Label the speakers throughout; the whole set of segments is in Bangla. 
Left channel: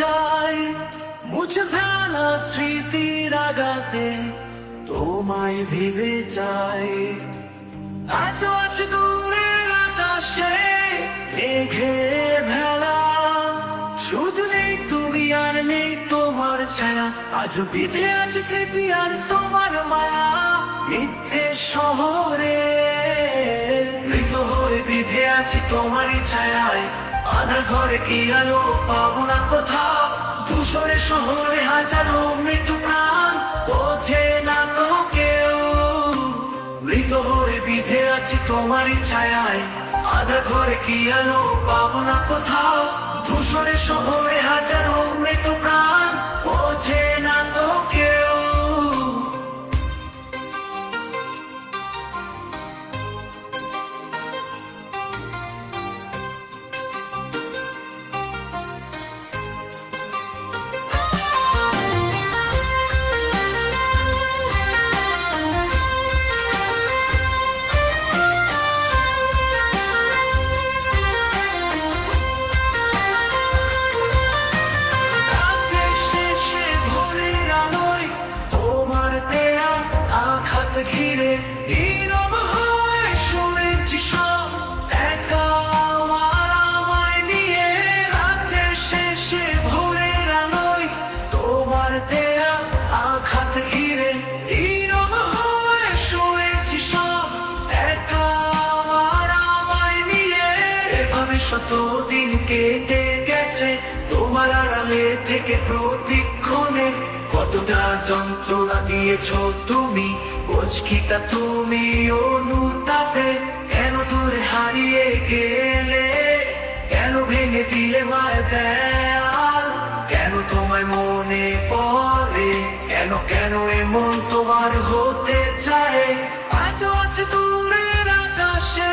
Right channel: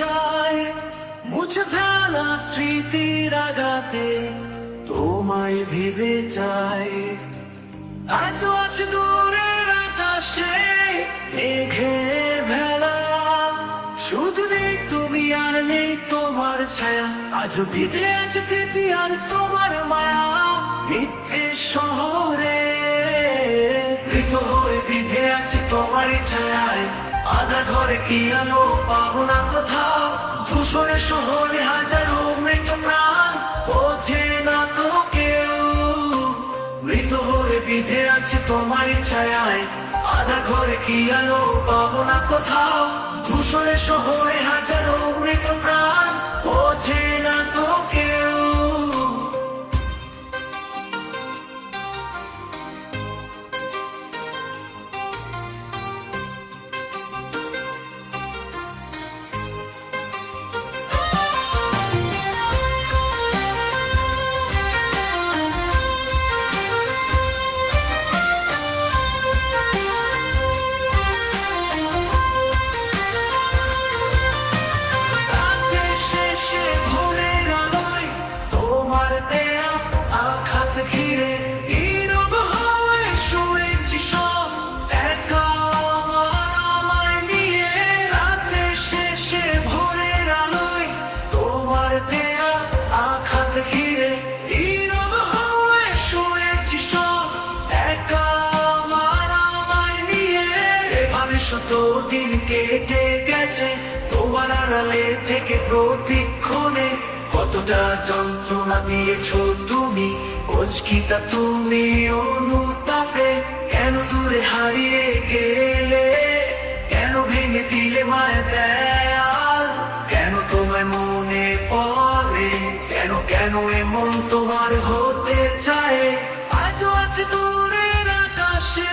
Speaker 1: যায়। মুছে ফেলা স্মৃতির আঘাতে, তোমায় ভেবে যাই আজও আছে দূরের আকাশে, মেঘে ভেলা। শুধু নেই তুমি, আর নেই তোমার ছায়া। আজও বিধে আছে স্মৃতি আর তোমার মায়া। মিথ্যে শহরে আছে তোমারই ছায়ায়। আধা ঘরে কি আলো পাবো না কোথাও? দূষণে শহরে হাজারো মৃত প্রাণ। পৌঁছে না তো কেউ। মৃত হয়ে বিধে আছি তোমারই ছায়ায়। আধা ঘরে কি আলো পাবো না কোথাও? দূষণে শহরে হাজারো আঘাত ঘিরে নীরব হয়ে শুয়েছি সব। একা আমার আমায় নিয়ে রাতে শেষে ভোরের আলোয় তোমার দেয়া আঘাত ঘিরে। নীরব হয়ে শুয়েছি সব। একা আমার আমায় নিয়ে এভাবে শত দিন কেটে গেছে। তোমার আড়ালে থেকে প্রতিক্ষণে কতটা যন্ত্রণা দিয়েছ তুমি? অচকিতা তুমি অনুতাপে কেন দূরে হারিয়ে গেলে? কেন ভেঙে দিলে মায় দেয়াল? কেন তোমায় মনে পড়ে? কেন কেন এমন তোমার হতে চায়? আজও আছে দূরের আকাশে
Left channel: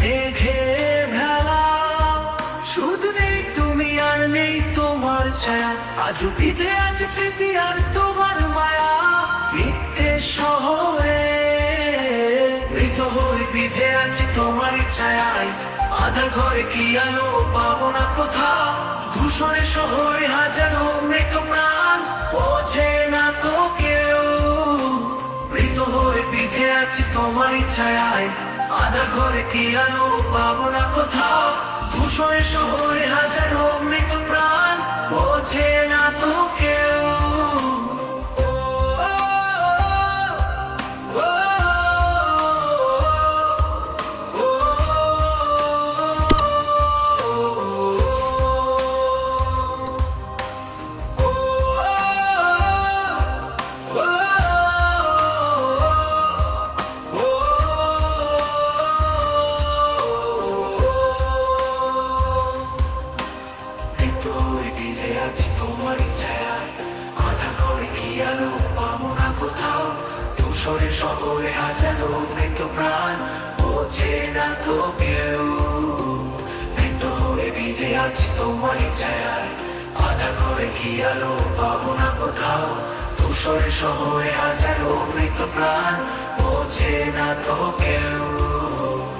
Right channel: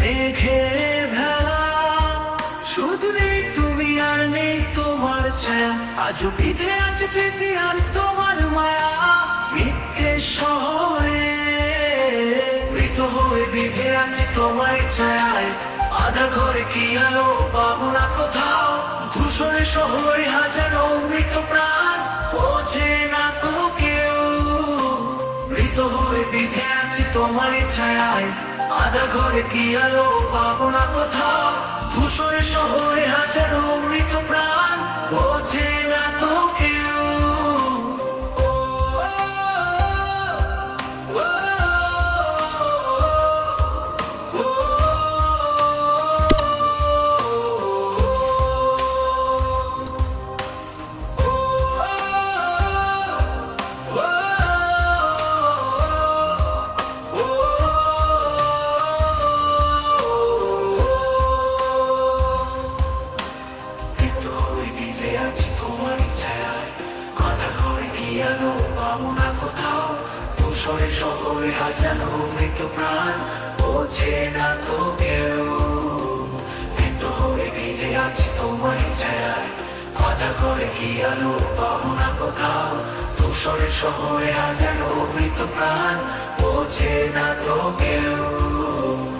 Speaker 1: মেঘে ভেলা। শুধু নেই তুমি আর নেই ছায়া, আজও বিধে আছে স্মৃতি আর তোমার মায়া। মিথ্যে শহরে মৃত হয়ে বিধে আছি তোমার ছায়ায়। আধার ঘরে কি আলো পাবো না কোথাও? ধূসরে শহরে হাজারো মৃত প্রাণ। বোঝে না তো কেউ। মৃত হয়ে বিধে আছি তোমার ছায়ায়। আধা ঘরে কি আলো পাবো না কোথাও? ধূসরে শহরে হাজারো মৃত প্রাণ। বোঝে না তো আছি তোমারই ছায়ায় আধা ঘরে কি আলো পাবো কোথাও? ধূসরে শহরে হাজারো মৃত প্রাণ। বোঝে না তো কেউ। মৃত হয়ে বিধে আছি তোমারই ছায়ায় আধা ঘরে কি আলো পাবো কোথাও? ধূসরে শহরে হাজারো মৃত প্রাণ। বোঝে না তো কেউ।